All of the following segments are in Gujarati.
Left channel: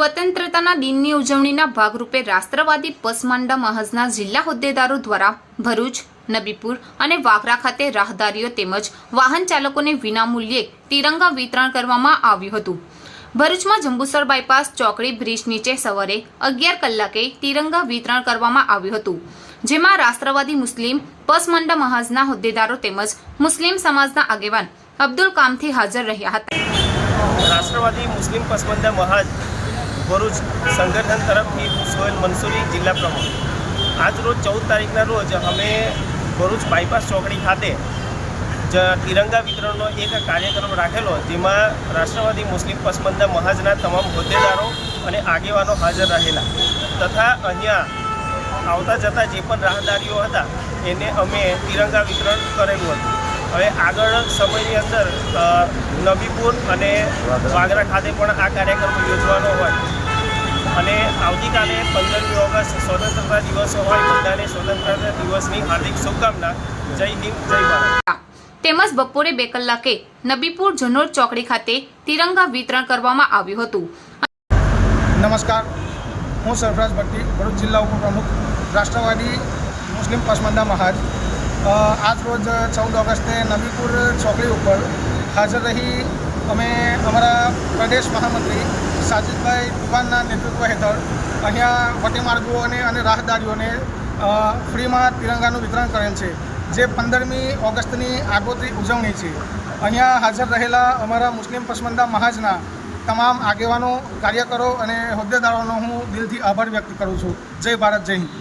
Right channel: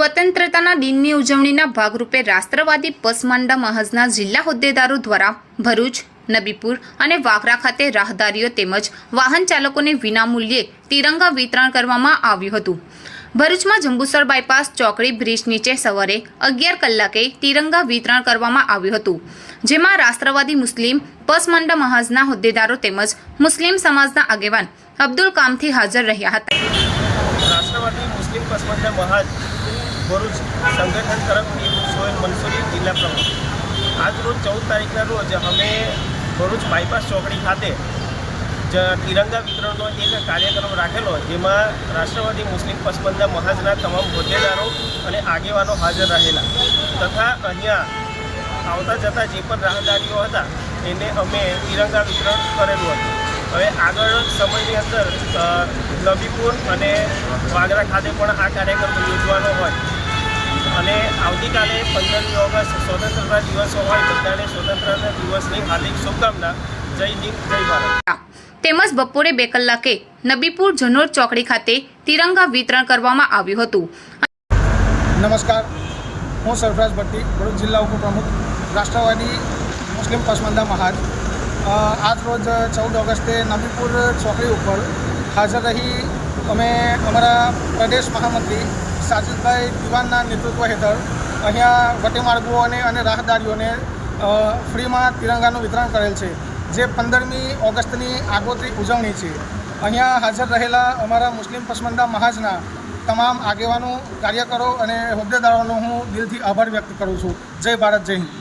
સ્વતંત્રતાના દિનની ઉજવણીના ભાગરૂપે રાષ્ટ્રવાદી પસમાંડા મહાજના જિલ્લા હોદ્દેદારો દ્વારા ભરૂચ, નબીપુર અને વાગરા ખાતે રાહદારીઓ તેમજ વાહન ચાલકોને વિનામૂલ્યે તિરંગા વિતરણ કરવામાં આવ્યું હતું। ભરૂચમાં જંબુસર બાયપાસ ચોકડી બ્રિજ નીચે સવારે 11 કલાકે તિરંગા વિતરણ કરવામાં આવ્યું હતું, જેમાં રાષ્ટ્રવાદી મુસ્લિમ પસમાંડા મહાજના હોદ્દેદારો તેમજ મુસ્લિમ સમાજના આગેવાન અબ્દુલ કામથી હાજર રહ્યા હતા। રાષ્ટ્રવાદી મુસ્લિમ પસમાંડા મહાજ ભરૂચ સંગઠન તરફથી સોહેલ મંસૂરી જિલ્લા પ્રમુખ। આજ રોજ 14 તારીખના રોજ અમે ભરૂચ બાયપાસ ચોકડી ખાતે તિરંગા વિતરણનો એક કાર્યક્રમ રાખેલો, જેમાં રાષ્ટ્રવાદી મુસ્લિમ પસમાંડા મહાજના તમામ હોદ્દેદારો અને આગેવાનો હાજર રહેલા તથા અહીંયા આવતા જતા જે પણ રાહદારીઓ હતા એને અમે તિરંગા વિતરણ કરેલું હતું। હવે આગળ સમયની અંદર નબીપુર અને વાગરા ખાતે પણ આ કાર્યક્રમ યોજવાનો હોય અને આવતીકાલે 15મી ઓગસ્ટ સ્વતંત્રતા દિવસ હોય, બધાને સ્વતંત્રતા દિવસની હાર્દિક શુભકામના। જય હિન્દ, જય ભારત। તેમજ બપોરે 2 કલાકે નબીપુર જનોર ચોકડી ખાતે તિરંગા વિતરણ કરવામાં આવ્યું હતું। નમસ્કાર, હું સરફરાજ ભટ્ટી, ભરૂચ જિલ્લા ઉપપ્રમુખ, રાષ્ટ્રવાદી મુસ્લિમ પસમાંડા મહાજ। આજ રોજ 14 ઓગસ્ટે નબીપુર ચોકડી ઉપર હાજર રહી અમે અમારા પ્રદેશ મહામંત્રી સાજિદભાઈ દિવાનના નેતૃત્વ હેઠળ અહીંયા વટી માર્ગોને અને રાહદારીઓને ફ્રીમાં તિરંગાનું વિતરણ કરેલ છે, જે 15મી ઓગસ્ટની આગોતરી ઉજવણી છે। અહીંયા હાજર રહેલા અમારા મુસ્લિમ પસમાંડા મહાજના તમામ આગેવાનો, કાર્યકરો અને હોદ્દેદારોનો હું દિલથી આભાર વ્યક્ત કરું છું। જય ભારત, જય હિન્દ।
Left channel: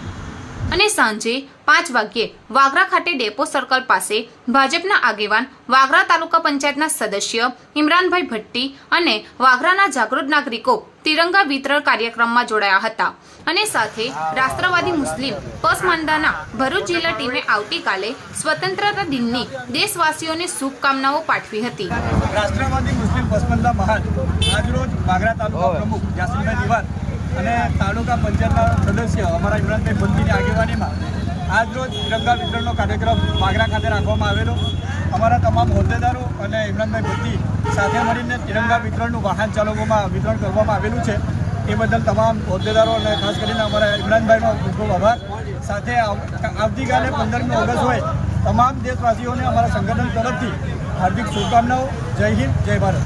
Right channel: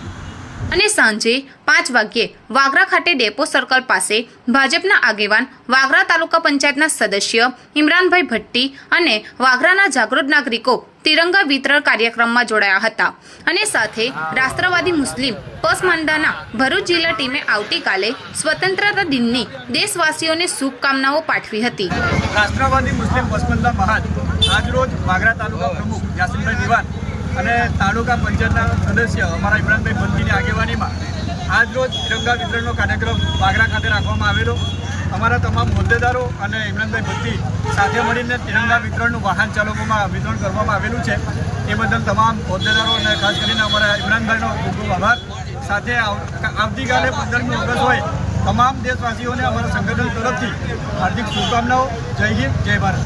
અને સાંજે 5 વાગ્યે વાગરા ખાતે ડેપો સર્કલ પાસે ભાજપના આગેવાન, વાગરા તાલુકા પંચાયતના સદસ્ય ઇમરાનભાઈ ભટ્ટી અને વાગરાના જાગૃત નાગરિકો તિરંગા વિતરણ કાર્યક્રમમાં જોડાયા હતા। અને સાથે રાષ્ટ્રવાદી મુસ્લિમ પસમાંડાના ભરૂચ જિલ્લા ટીમે આવતીકાલે સ્વતંત્રતા દિનની દેશવાસીઓને શુભકામનાઓ પાઠવી હતી। રાષ્ટ્રવાદી મુસ્લિમ પસમાંડા મહાજ આજરોજ વાગરા તાલુકા પ્રમુખ યાસીનભાઈ દિવાન અને તાલુકા પંચાયતના સદસ્ય અમારા ઇમરાનભાઈ ભટ્ટીની આગેવાનીમાં આજરોજ તિરંગા વિતરણનો કાર્યક્રમ વાગરા ખાતે રાખવામાં આવેલો। અમારા તમામ હોદ્દેદારો અને ઇમરાનભાઈ ભટ્ટી સાથે મળીને તિરંગા વિતરણનું વાહન ચાલકોમાં વિતરણ કરવામાં આવેલું છે। એ બદલ તમામ હોદ્દેદારો અને ખાસ કરીને અમારા ઇમરાનભાઈનો ખૂબ ખૂબ આભાર। સાથે આવતીકાલે 15મી ઓગસ્ટ હોય, તમામ દેશવાસીઓને અમારા સંગઠન તરફથી હાર્દિક શુભકામનાઓ। જય હિન્દ, જય ભારત।